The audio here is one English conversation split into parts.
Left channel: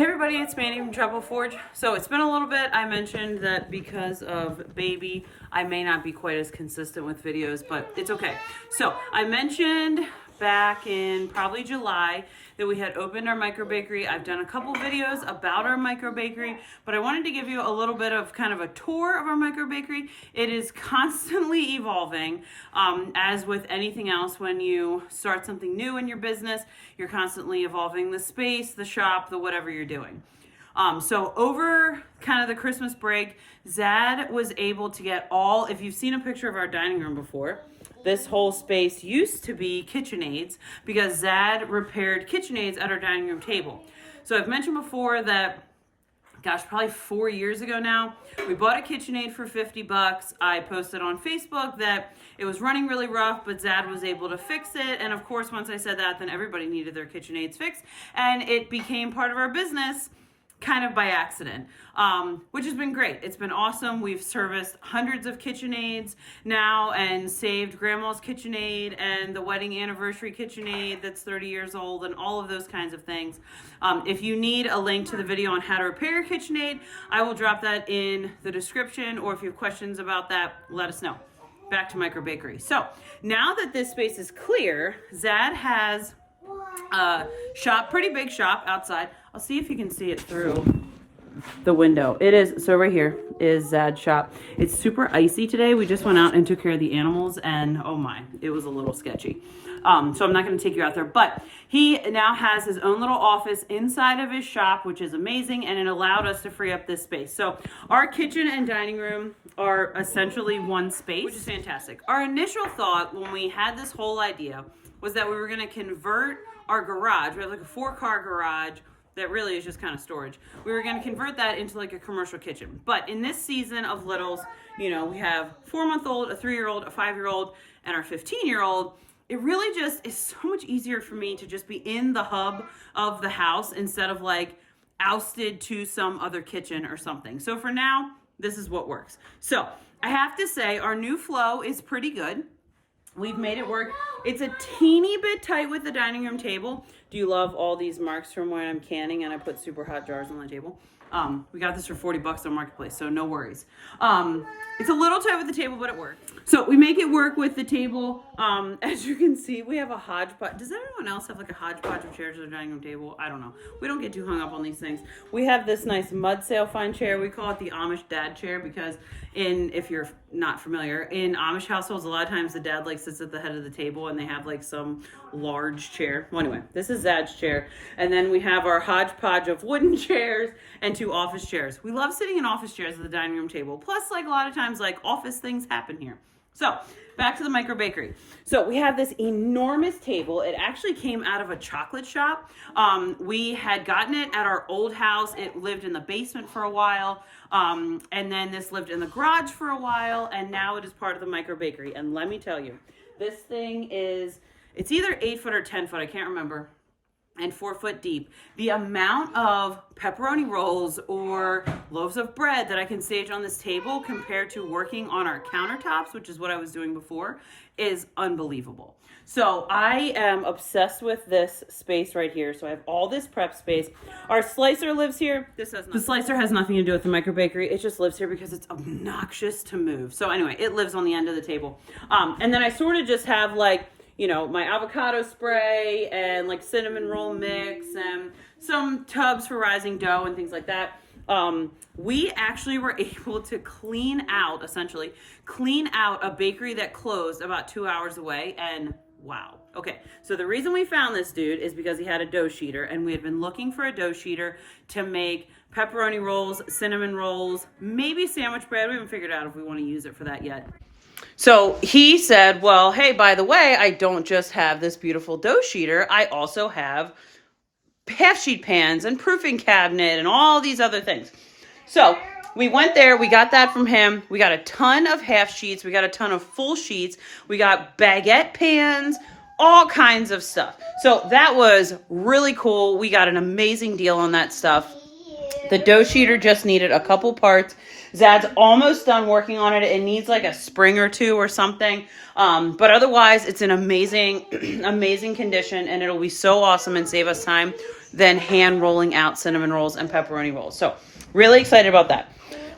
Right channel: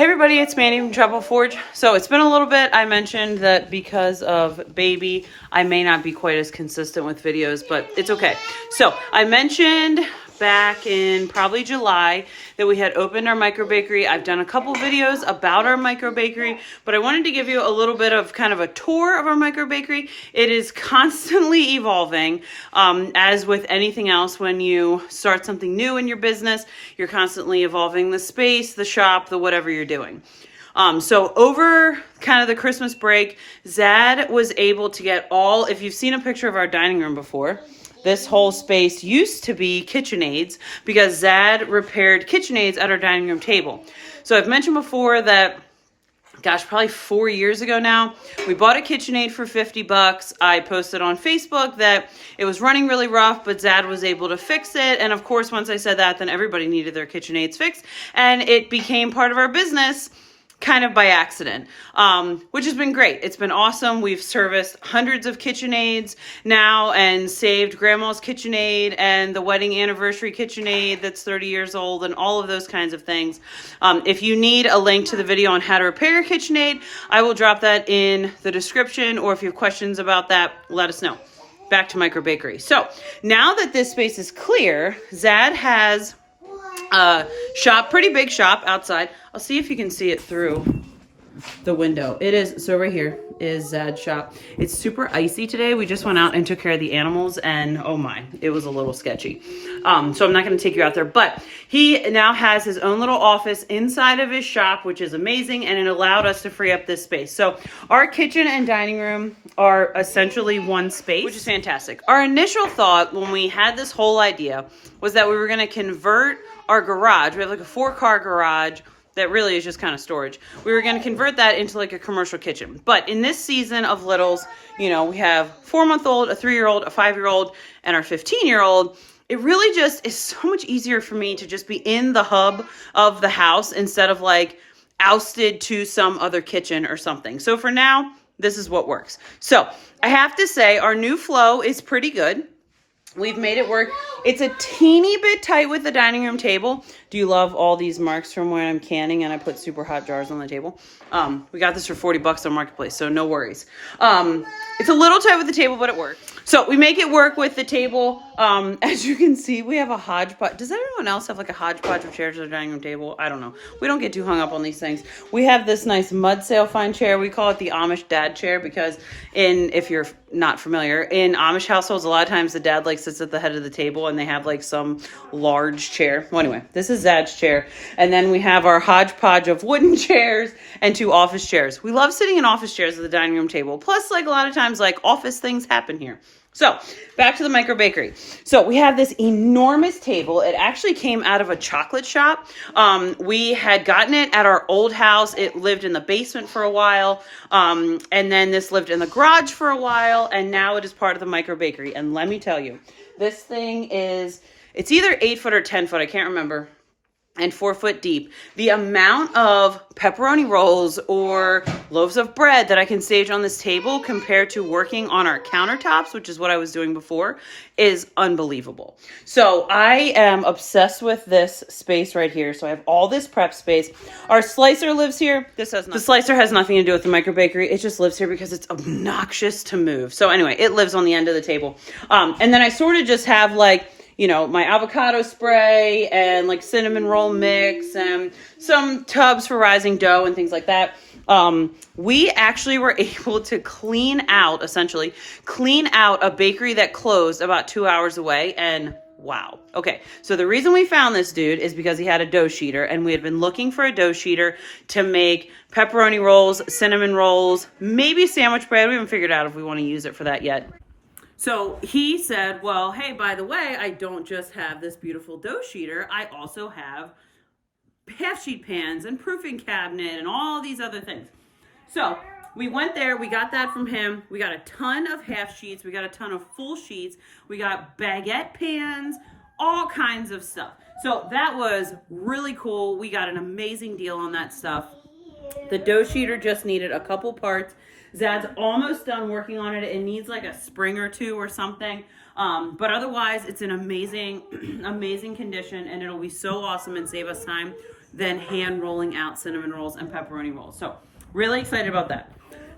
Hey everybody, it's Mandy from Trouble Forge. So it's been a little bit. I mentioned that because of baby, I may not be quite as consistent with videos, but it's okay. So I mentioned back in probably July that we had opened our microbakery. I've done a couple videos about our microbakery, but I wanted to give you a little bit of kind of a tour of our microbakery. It is constantly evolving. As with anything else, when you start something new in your business, you're constantly evolving the space, the shop, the whatever you're doing. So over kind of the Christmas break, Zad was able to get all, if you've seen a picture of our dining room before, this whole space used to be KitchenAids because Zad repaired KitchenAids at our dining room table. So I've mentioned before that, gosh, probably 4 years ago now, we bought a KitchenAid for 50 bucks. I posted on Facebook that it was running really rough, but Zad was able to fix it. And of course, once I said that, then everybody needed their KitchenAids fixed. And it became part of our business kind of by accident, which has been great. It's been awesome. We've serviced hundreds of KitchenAids now and saved Grandma's KitchenAid and the wedding anniversary KitchenAid that's 30 years old and all of those kinds of things. If you need a link to the video on how to repair a KitchenAid, I will drop that in the description, or if you have questions about that, let us know. Back to Microbakery. So now that this space is clear, Zad has shop, pretty big shop outside. I'll see if you can see it through the window. It is, so right here is Zad's shop. It's super icy today. We just went out and took care of the animals and oh my, it was a little sketchy. So I'm not going to take you out there, but he now has his own little office inside of his shop, which is amazing. And it allowed us to free up this space. So our kitchen and dining room are essentially one space, which is fantastic. Our initial thought when we had this whole idea was that we were going to convert our garage. We have like a 4-car garage that really is just kind of storage. We were going to convert that into like a commercial kitchen. But in this season of littles, you know, we have 4-month-old, a 3-year-old, a 5-year-old, and our 15-year-old. It really just is so much easier for me to just be in the hub of the house instead of like ousted to some other kitchen or something. So for now, this is what works. So I have to say our new flow is pretty good. We've made it work. It's a teeny bit tight with the dining room table. Do you love all these marks from where I'm canning and I put super hot jars on the table? We got this for 40 bucks on Marketplace, so no worries. It's a little tight with the table, but it works. So we make it work with the table. As you can see, we have a hodgepodge. Does everyone else have like a hodgepodge of chairs at their dining room table? I don't know. We don't get too hung up on these things. We have this nice mud sail fine chair. We call it the Amish dad chair because if you're not familiar, in Amish households, a lot of times the dad like sits at the head of the table and they have like some large chair. Well, anyway, this is Zad's chair. And then we have our hodgepodge of wooden chairs and 2 office chairs. We love sitting in office chairs at the dining room table. Plus, like a lot of times, like office things happen here. So back to the microbakery. So we have this enormous table. It actually came out of a chocolate shop. We had gotten it at our old house. It lived in the basement for a while. And then this lived in the garage for a while. And now it is part of the microbakery. And let me tell you, this thing is, it's either 8 foot or 10 foot. I can't remember. And 4 foot deep. The amount of pepperoni rolls or loaves of bread that I can stage on this table compared to working on our countertops, which is what I was doing before, is unbelievable. So I am obsessed with this space right here. So I have all this prep space. Our slicer lives here. The slicer has nothing to do with the microbakery. It just lives here because it's obnoxious to move. So anyway, it lives on the end of the table. And then I sort of just have like, you know, my avocado spray and like cinnamon roll mix and some tubs for rising dough and things like that. We actually were able to clean out a bakery that closed about 2 hours away, and wow. Okay, so the reason we found this dude is because he had a dough sheeter, and we had been looking for a dough sheeter to make pepperoni rolls, cinnamon rolls, maybe sandwich bread. We haven't figured out if we want to use it for that yet. So he said, well, hey, by the way, I don't just have this beautiful dough sheeter. I also have half sheet pans and proofing cabinet and all these other things. So we went there. We got that from him. We got a ton of half sheets. We got a ton of full sheets. We got baguette pans, all kinds of stuff. So that was really cool. We got an amazing deal on that stuff. The dough sheeter just needed a couple parts. Zad's almost done working on it. It needs like a spring or 2 or something. But otherwise, it's an amazing, amazing condition, and it'll be so awesome and save us time than hand rolling out cinnamon rolls and pepperoni rolls. So really excited about that.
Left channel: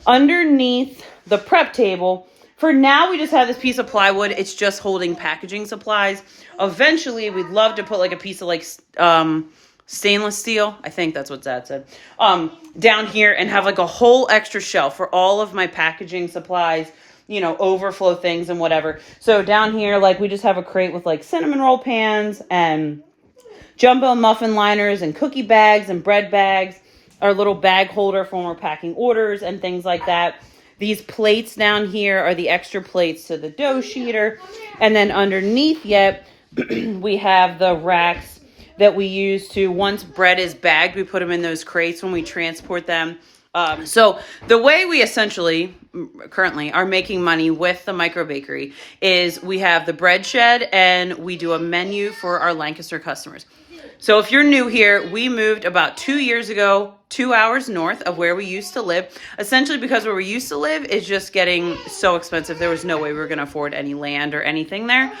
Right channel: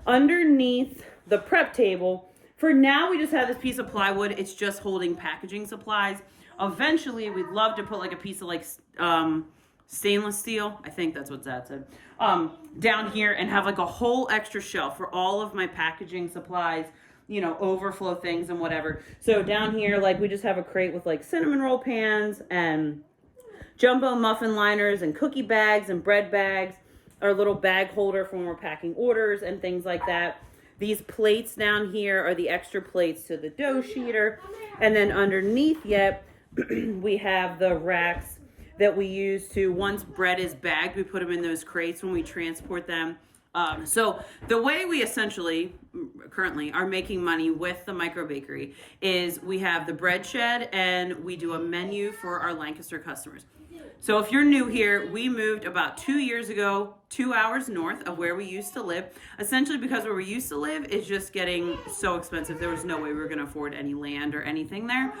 Underneath the prep table, for now we just have this piece of plywood. It's just holding packaging supplies. Eventually we'd love to put like a piece of like stainless steel, I think that's what Dad said, down here, and have like a whole extra shelf for all of my packaging supplies, you know, overflow things and whatever. So down here, like, we just have a crate with like cinnamon roll pans and jumbo muffin liners and cookie bags and bread bags, our little bag holder for when we're packing orders and things like that. These plates down here are the extra plates to the dough sheeter. And then underneath yet, we have the racks that we use to, once bread is bagged, we put them in those crates when we transport them. So the way we essentially currently are making money with the Microbakery is we have the bread shed and we do a menu for our Lancaster customers. So if you're new here, we moved about 2 years ago, 2 hours north of where we used to live, essentially because where we used to live is just getting so expensive. There was no way we were going to afford any land or anything there.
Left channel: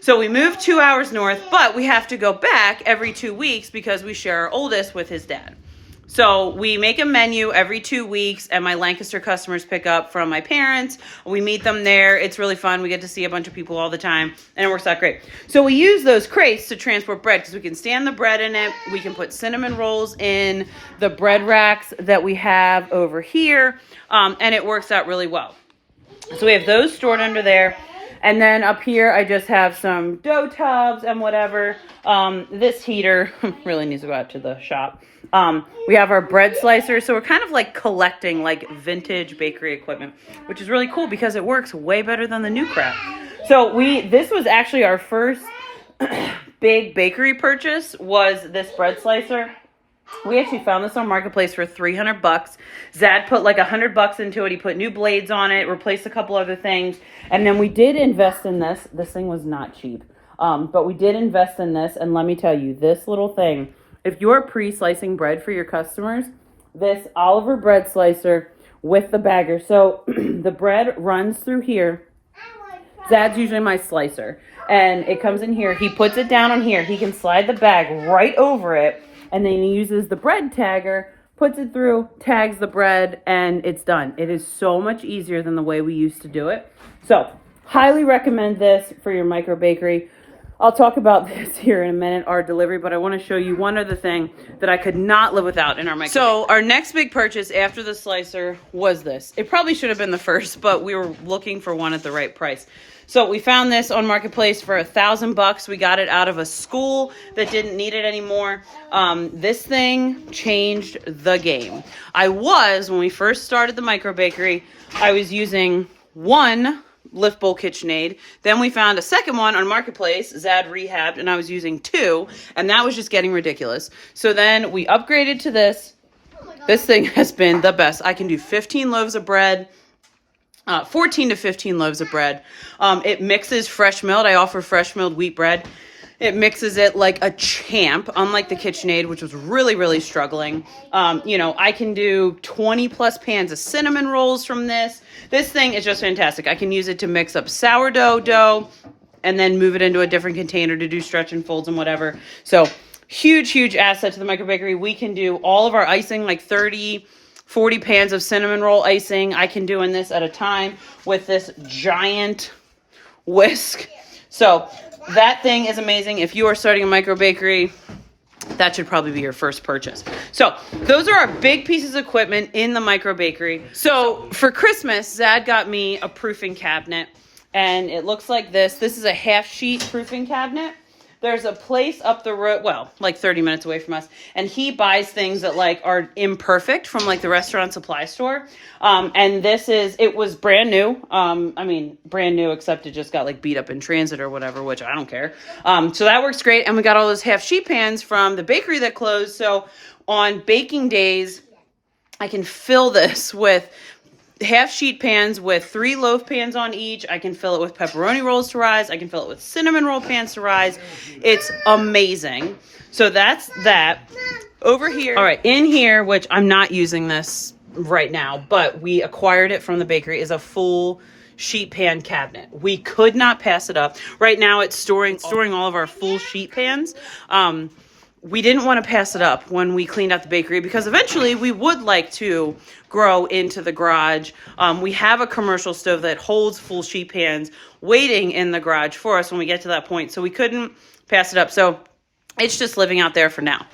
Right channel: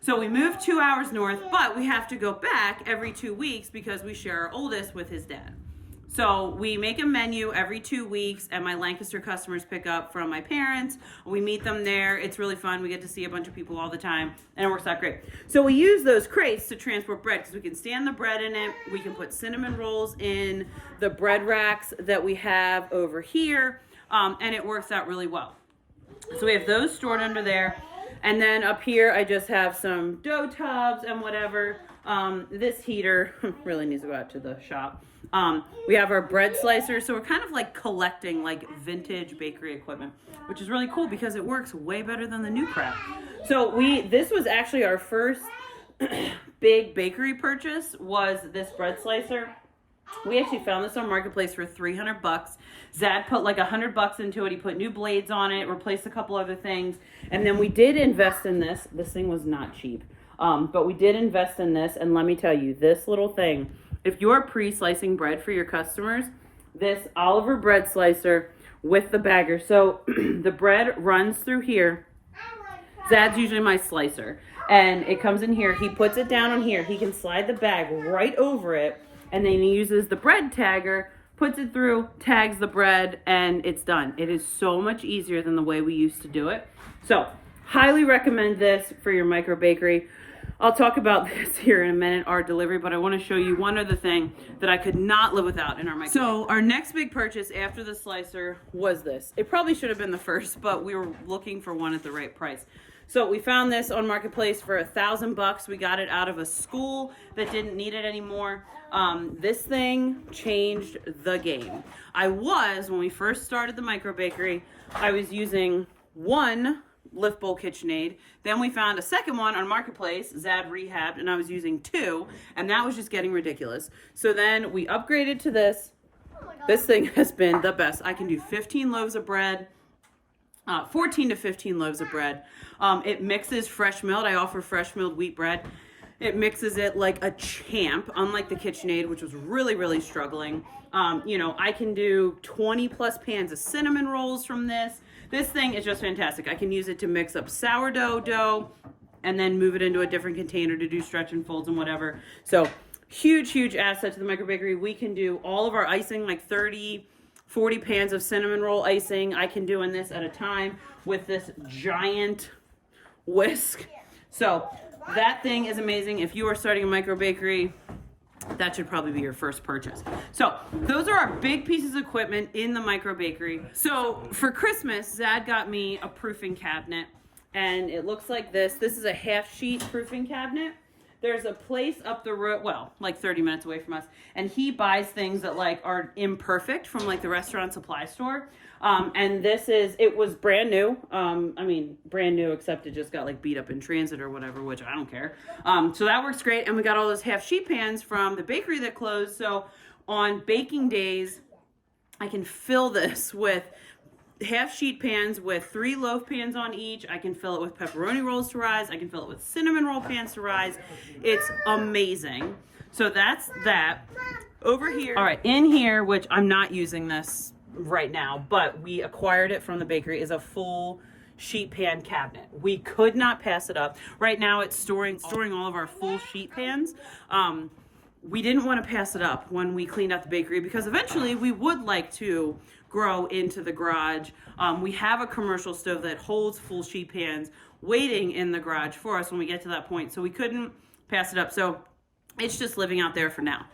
So we moved 2 hours north, but we have to go back every 2 weeks because we share our oldest with his dad. So we make a menu every 2 weeks, and my Lancaster customers pick up from my parents. We meet them there. It's really fun. We get to see a bunch of people all the time, and it works out great. So we use those crates to transport bread because we can stand the bread in it. We can put cinnamon rolls in the bread racks that we have over here, and it works out really well. So we have those stored under there. And then up here, I just have some dough tubs and whatever. This heater really needs to go out to the shop. We have our bread slicer. So we're kind of like collecting like vintage bakery equipment, which is really cool because it works way better than the new crap. So this was actually our first big bakery purchase, was this bread slicer. We actually found this on Marketplace for $300. Zad put like $100 into it. He put new blades on it, replaced a couple other things. And then we did invest in this. This thing was not cheap. But we did invest in this. And let me tell you, this little thing, if you're pre-slicing bread for your customers, this Oliver bread slicer with the bagger. So the bread runs through here. Zad's usually my slicer. And it comes in here. He puts it down on here. He can slide the bag right over it. And then he uses the bread tagger, puts it through, tags the bread, and it's done. It is so much easier than the way we used to do it. So, highly recommend this for your Microbakery. I'll talk about this here in a minute, our delivery, but I want to show you one other thing that I could not live without in our Microbakery. So, our next big purchase after the slicer was this. It probably should have been the first, but we were looking for one at the right price. So we found this on Marketplace for $1,000. We got it out of a school that didn't need it anymore. This thing changed the game. When we first started the Microbakery, I was using one lift bowl KitchenAid. Then we found a second one on Marketplace, Zad rehabbed, and I was using two, and that was just getting ridiculous. So then we upgraded to this. This thing has been the best. I can do 15 loaves of bread. 14 to 15 loaves of bread. It mixes fresh milled. I offer fresh milled wheat bread. It mixes it like a champ, unlike the KitchenAid, which was really, really struggling. I can do 20 plus pans of cinnamon rolls from this. This thing is just fantastic. I can use it to mix up sourdough dough and then move it into a different container to do stretch and folds and whatever. So huge, huge asset to the Microbakery. We can do all of our icing, like 40 pans of cinnamon roll icing I can do in this at a time with this giant whisk. So that thing is amazing. If you are starting a Microbakery, that should probably be your first purchase. So those are our big pieces of equipment in the Microbakery. So for Christmas, Zad got me a proofing cabinet, and it looks like this. This is a half sheet proofing cabinet. There's a place up the road, well, like 30 minutes away from us, and he buys things that like are imperfect from like the restaurant supply store. And it was brand new. Brand new, except it just got like beat up in transit or whatever, which I don't care. So that works great. And we got all those half sheet pans from the bakery that closed. So on baking days, I can fill this with half sheet pans with 3 loaf pans on each. I can fill it with pepperoni rolls to rise. I can fill it with cinnamon roll pans to rise. It's amazing. So that's that. Over here. All right, in here, which I'm not using this right now, but we acquired it from the bakery, is a full sheet pan cabinet. We could not pass it up. Right now it's storing all of our full sheet pans. we didn't want to pass it up when we cleaned out the bakery, because eventually we would like to grow into the garage. We have a commercial stove that holds full sheet pans waiting in the garage for us when we get to that point. So we couldn't pass it up. So it's just living out there for now.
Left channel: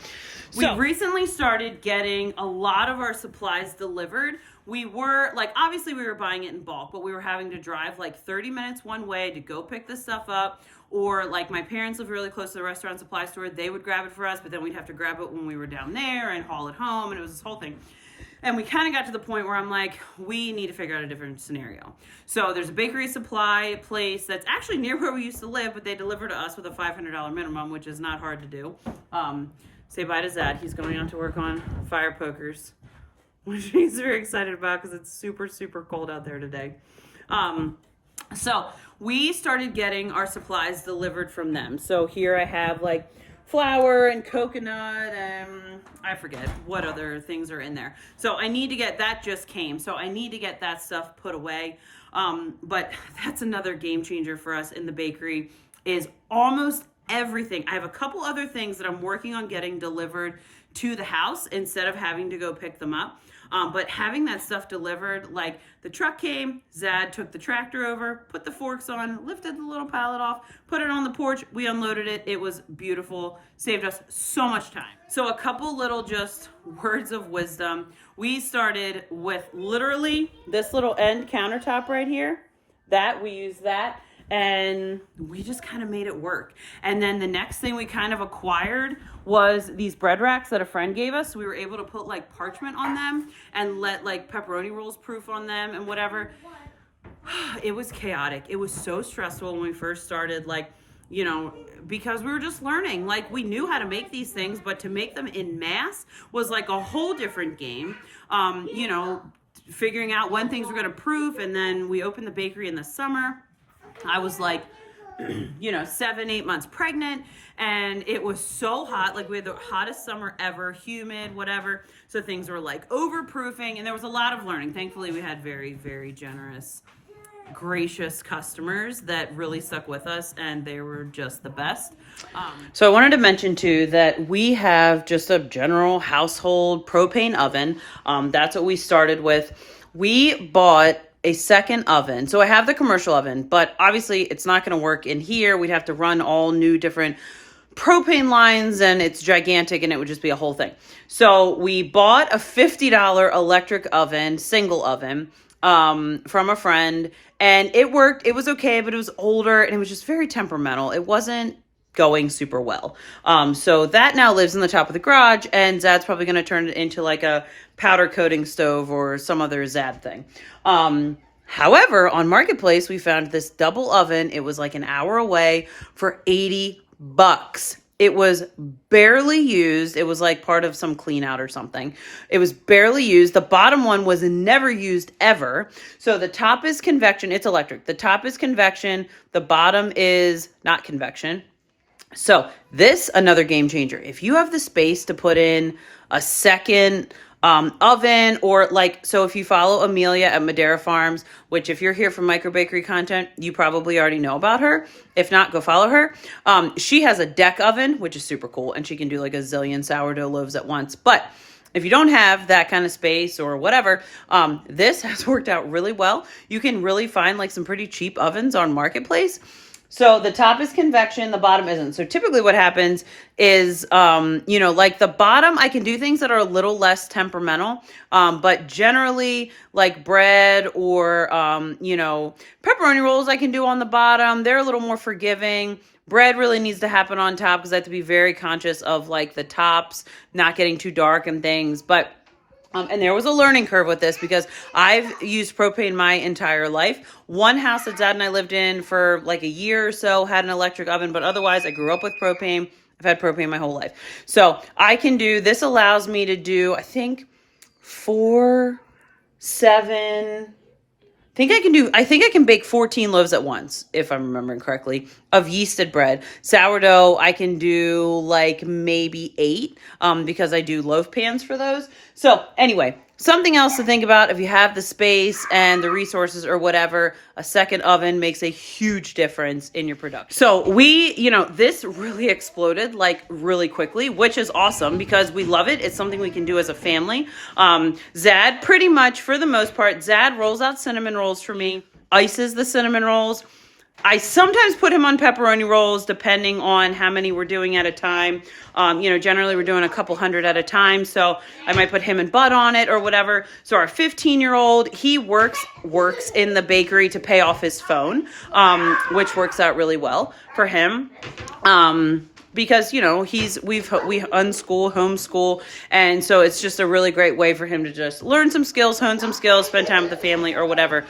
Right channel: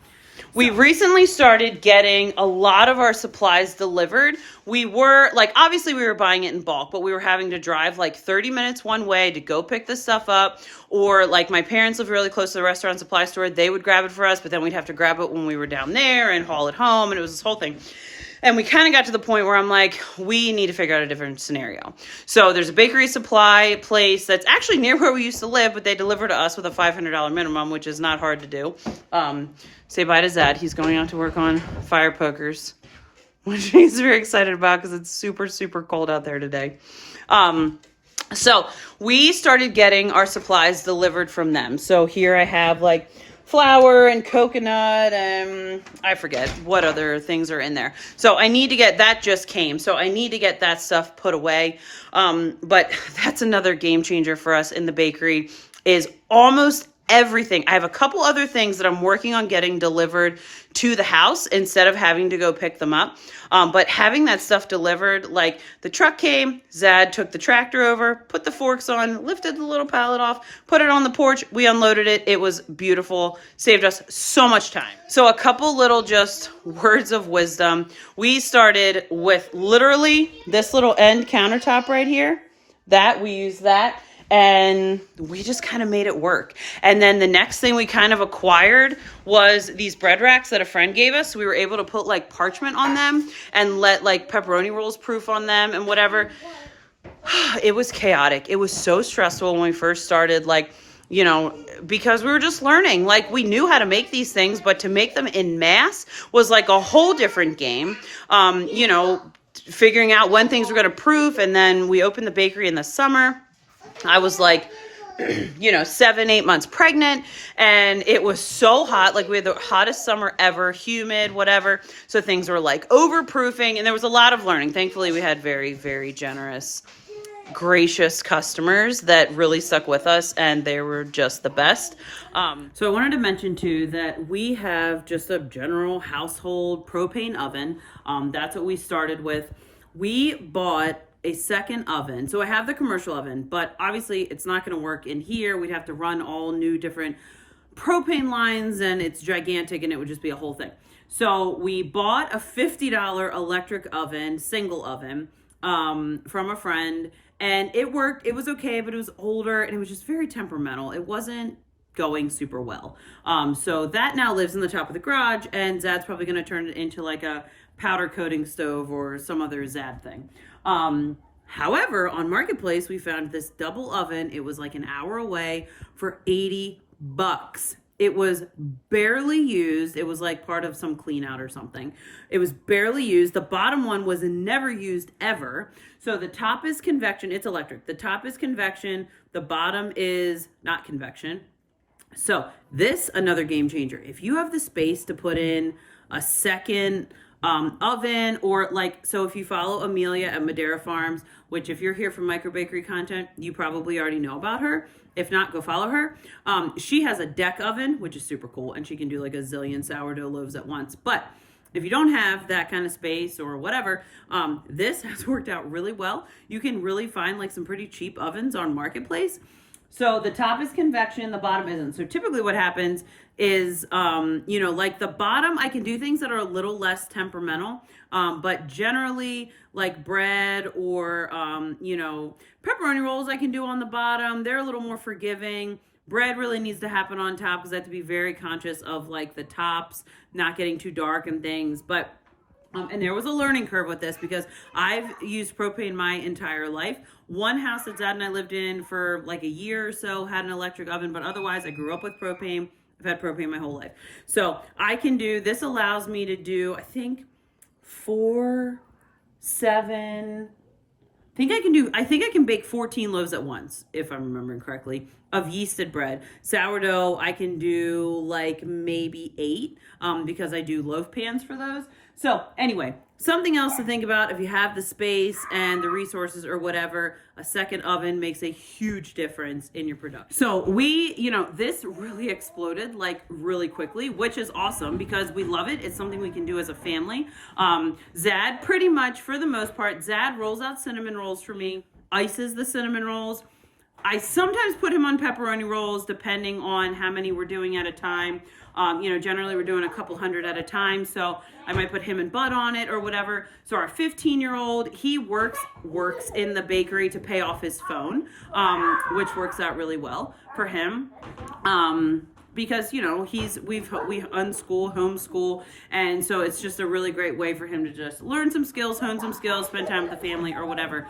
We recently started getting a lot of our supplies delivered. We were like, obviously we were buying it in bulk, but we were having to drive like 30 minutes one way to go pick this stuff up. Or like my parents live really close to the restaurant supply store. They would grab it for us, but then we'd have to grab it when we were down there and haul it home. And it was this whole thing. And we kind of got to the point where I'm like, we need to figure out a different scenario. So there's a bakery supply place that's actually near where we used to live, but they deliver to us with a $500 minimum, which is not hard to do. Say bye to Zed. He's going out to work on fire pokers, which he's very excited about because it's super, super cold out there today. So we started getting our supplies delivered from them. So here I have like flour and coconut and I forget what other things are in there. So I need to get that, just came. So I need to get that stuff put away. But that's another game changer for us in the bakery, is almost everything. I have a couple other things that I'm working on getting delivered to the house instead of having to go pick them up. But having that stuff delivered, like the truck came, Zad took the tractor over, put the forks on, lifted the little pallet off, put it on the porch. We unloaded it. It was beautiful. Saved us so much time. So a couple little just words of wisdom. We started with literally this little end countertop right here. We used that. And we just kind of made it work. And then the next thing we kind of acquired was these bread racks that a friend gave us. We were able to put like parchment on them and let like pepperoni rolls proof on them and whatever. It was chaotic. It was so stressful when we first started, like, you know, because we were just learning. Like, we knew how to make these things, but to make them in mass was like a whole different game. You know, figuring out when things were going to proof. And then we opened the bakery in the summer. I was like, 7-8 months pregnant, and it was so hot. Like, we had the hottest summer ever, humid, whatever. So things were like overproofing, and there was a lot of learning. Thankfully, we had very, very generous, gracious customers that really stuck with us, and they were just the best. So I wanted to mention too that we have just a general household propane oven. That's what we started with. We bought a second oven. So I have the commercial oven, but obviously it's not going to work in here. We'd have to run all new different propane lines, and it's gigantic, and it would just be a whole thing. So we bought a $50 electric oven, single oven, from a friend, and it worked. It was okay, but it was older, and it was just very temperamental. It wasn't going super well. So that now lives in the top of the garage, and Zad's probably going to turn it into like a powder coating stove or some other Zad thing. However, on Marketplace, we found this double oven. It was like an hour away for $80. It was barely used. It was like part of some clean out or something. It was barely used. The bottom one was never used ever. So the top is convection. It's electric. The top is convection. The bottom is not convection. So this, another game changer. If you have the space to put in a second oven, or like, so if you follow Amelia at Madera Farms, which if you're here for Microbakery content, you probably already know about her. If not, go follow her. She has a deck oven, which is super cool, and she can do like a zillion sourdough loaves at once. But if you don't have that kind of space or whatever, this has worked out really well. You can really find like some pretty cheap ovens on Marketplace. So the top is convection, the bottom isn't. So typically what happens is, like the bottom, I can do things that are a little less temperamental. But generally like bread or, pepperoni rolls I can do on the bottom. They're a little more forgiving. Bread really needs to happen on top because I have to be very conscious of like the tops not getting too dark and things. But and there was a learning curve with this because I've used propane my entire life. One house that Dad and I lived in for like a year or so had an electric oven, but otherwise I grew up with propane. I've had propane my whole life. So I can do, this allows me to do, I think 4, 7, I think I can bake 14 loaves at once, if I'm remembering correctly, of yeasted bread. Sourdough, I can do like maybe 8, because I do loaf pans for those. So anyway, something else to think about if you have the space and the resources or whatever, a second oven makes a huge difference in your production. So this really exploded like really quickly, which is awesome because we love it. It's something we can do as a family. Zad, pretty much for the most part, Zad rolls out cinnamon rolls for me, ices the cinnamon rolls. I sometimes put him on pepperoni rolls depending on how many we're doing at a time. Generally we're doing a couple hundred at a time. So I might put him and Bud on it or whatever. So our 15-year-old, he works in the bakery to pay off his phone, which works out really well for him. Because we unschool, homeschool, and so it's just a really great way for him to just learn some skills, hone some skills, spend time with the family or whatever.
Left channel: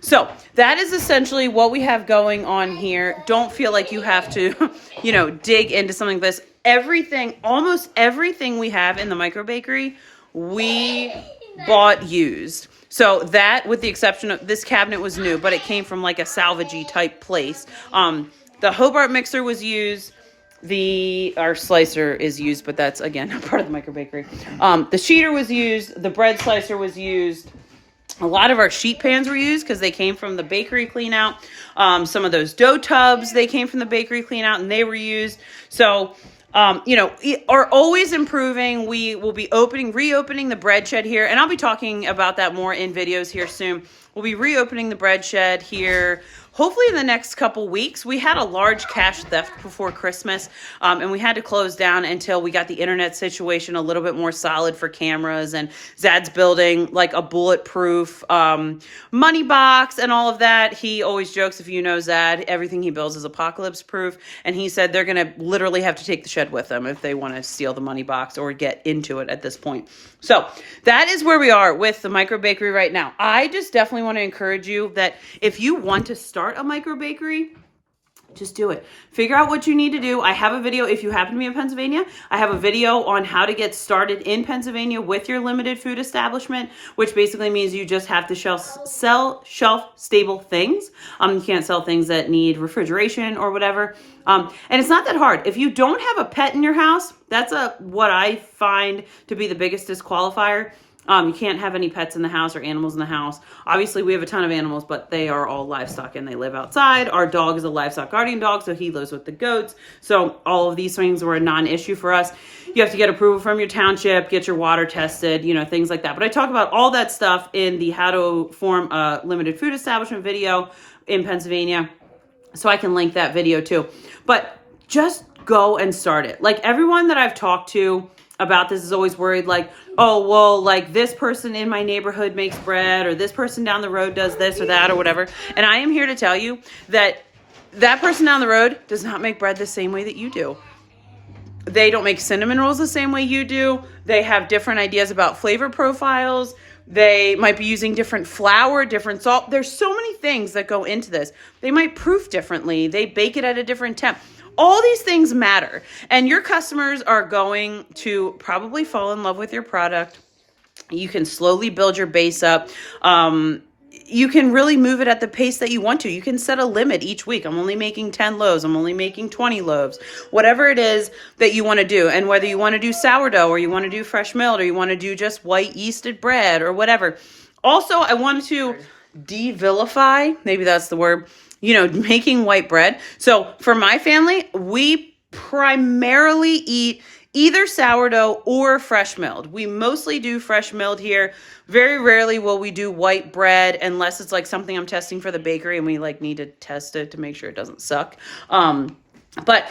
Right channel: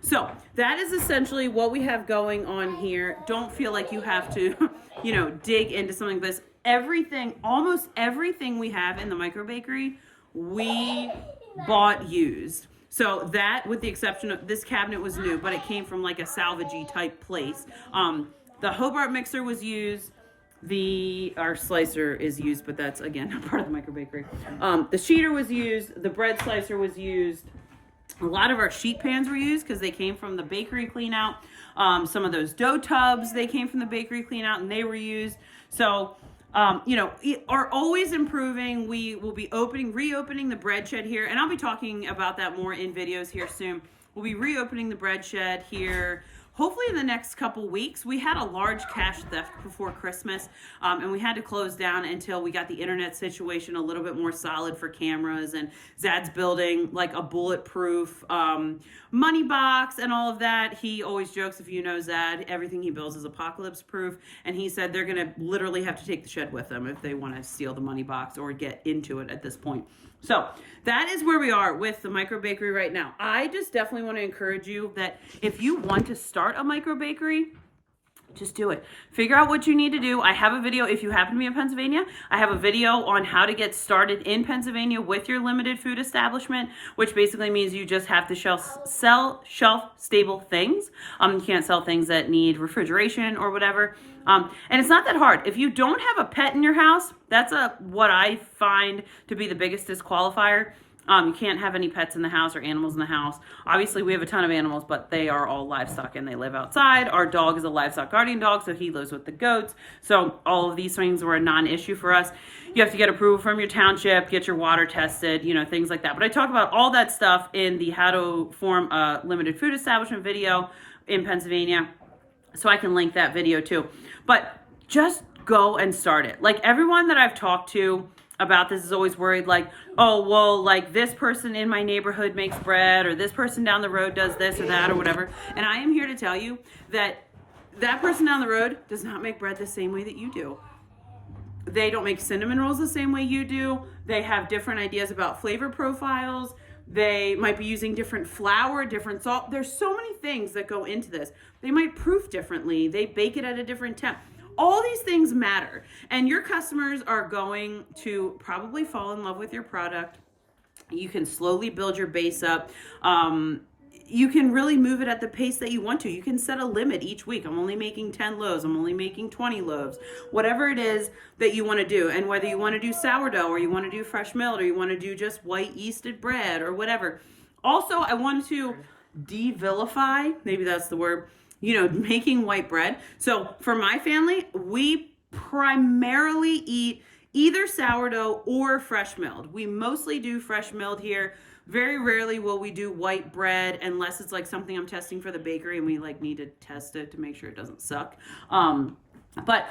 So that is essentially what we have going on here. Don't feel like you have to, dig into something like this. Almost everything we have in the microbakery, we bought used. So that, with the exception of this cabinet was new, but it came from like a salvagey type place. The Hobart mixer was used. Our slicer is used, but that's again not part of the microbakery. The sheeter was used. The bread slicer was used. A lot of our sheet pans were used because they came from the bakery clean out. Some of those dough tubs, they came from the bakery clean out and they were used. So, are always improving. We will be reopening the bread shed here, and I'll be talking about that more in videos here soon. We'll be reopening the bread shed here hopefully in the next couple weeks. We had a large cash theft before Christmas, and we had to close down until we got the internet situation a little bit more solid for cameras, and Zad's building like a bulletproof money box and all of that. He always jokes, if you know Zad, everything he builds is apocalypse proof, and he said they're going to literally have to take the shed with them if they want to steal the money box or get into it at this point. So that is where we are with the microbakery right now. I just definitely want to encourage you that if you want to start a microbakery, just do it. Figure out what you need to do. I have a video, if you happen to be in Pennsylvania, I have a video on how to get started in Pennsylvania with your limited food establishment, which basically means you just have to sell shelf-stable things. You can't sell things that need refrigeration or whatever. And it's not that hard. If you don't have a pet in your house, that's what I find to be the biggest disqualifier. You can't have any pets in the house or animals in the house. Obviously, we have a ton of animals, but they are all livestock and they live outside. Our dog is a livestock guardian dog, so he lives with the goats. So all of these things were a non-issue for us. You have to get approval from your township, get your water tested, things like that. But I talk about all that stuff in the how to form a limited food establishment video in Pennsylvania. So I can link that video too. But just go and start it. Like everyone that I've talked to about this is always worried, like, oh, well, like this person in my neighborhood makes bread, or this person down the road does this or that or whatever. And I am here to tell you that that person down the road does not make bread the same way that you do. They don't make cinnamon rolls the same way you do. They have different ideas about flavor profiles. They might be using different flour, different salt. There's so many things that go into this. They might proof differently. They bake it at a different temp. All these things matter, and your customers are going to probably fall in love with your product. You can slowly build your base up. You can really move it at the pace that you want to. You can set a limit each week. I'm only making 10 loaves. I'm only making 20 loaves. Whatever it is that you want to do, and whether you want to do sourdough or you want to do fresh milled or you want to do just white yeasted bread or whatever. Also, I wanted to de-vilify, maybe that's the word, making white bread. So for my family, we primarily eat either sourdough or fresh milled. We mostly do fresh milled here. Very rarely will we do white bread unless it's like something I'm testing for the bakery and we need to test it to make sure it doesn't suck. But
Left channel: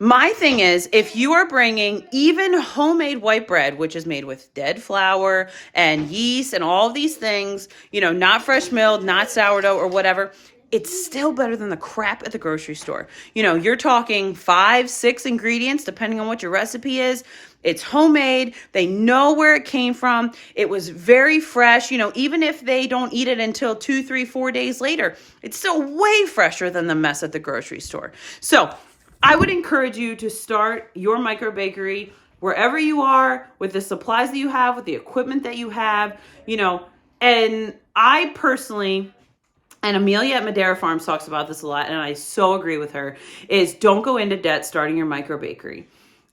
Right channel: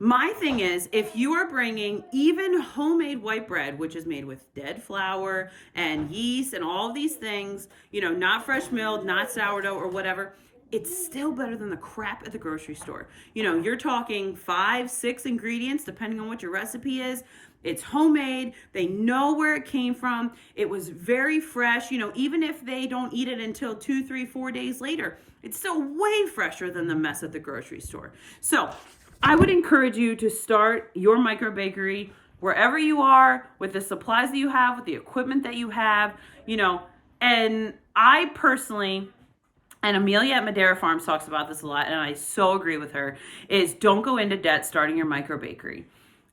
my thing is, if you are bringing even homemade white bread, which is made with dead flour and yeast and all of these things, not fresh milled, not sourdough or whatever, it's still better than the crap at the grocery store. You're talking 5-6 ingredients, depending on what your recipe is. It's homemade. They know where it came from. It was very fresh. Even if they don't eat it until 2, 3, 4 days later, it's still way fresher than the mess at the grocery store. So I would encourage you to start your microbakery wherever you are, with the supplies that you have, with the equipment that you have, and I personally, and Amelia at Madera Farms talks about this a lot, and I so agree with her, is don't go into debt starting your microbakery.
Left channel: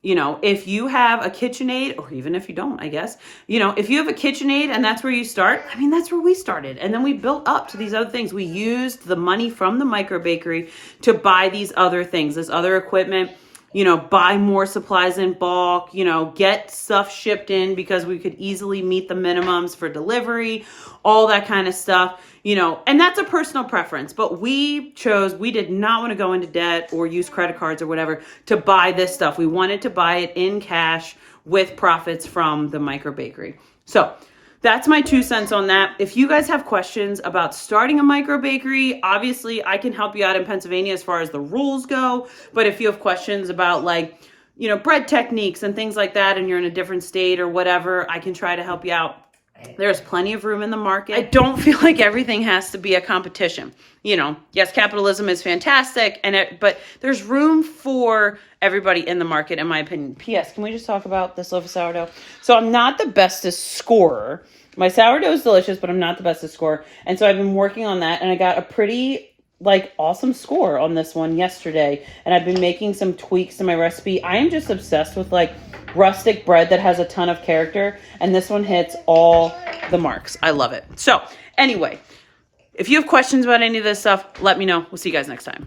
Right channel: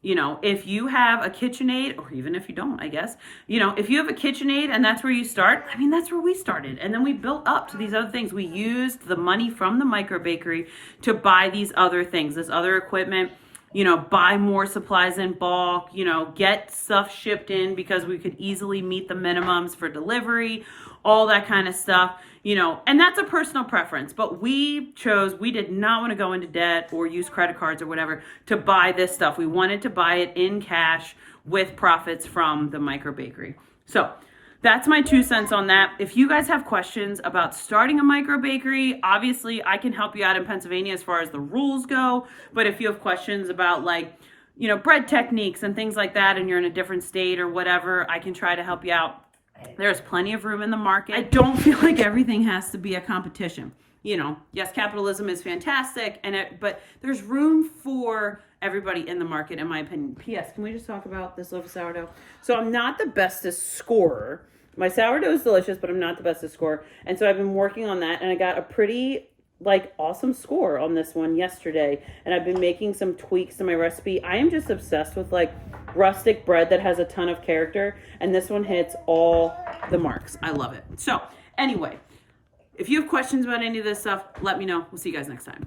You know, if you have a KitchenAid, or even if you don't, I guess, you know, if you have a KitchenAid and that's where you start, I mean, that's where we started. And then we built up to these other things. We used the money from the Microbakery to buy these other things, this other equipment, you know, buy more supplies in bulk, you know, get stuff shipped in because we could easily meet the minimums for delivery, all that kind of stuff, you know, and that's a personal preference. But we did not want to go into debt or use credit cards or whatever to buy this stuff. We wanted to buy it in cash with profits from the Microbakery. So that's my 2 cents on that. If you guys have questions about starting a microbakery, obviously I can help you out in Pennsylvania as far as the rules go. But if you have questions about, like, you know, bread techniques and things like that, and you're in a different state or whatever, I can try to help you out. There's plenty of room in the market. I don't feel like everything has to be a competition. You know, yes, capitalism is fantastic, but there's room for everybody in the market, in my opinion. P.S. Can we just talk about this loaf of sourdough? So I'm not the bestest scorer. My sourdough is delicious, but I'm not the bestest scorer. And so I've been working on that, and I got a pretty, like, awesome score on this one yesterday. And I've been making some tweaks to my recipe. I am just obsessed with, like, rustic bread that has a ton of character, and this one hits all the marks. I love it. So anyway, if you have questions about any of this stuff, let me know. We'll see you guys next time.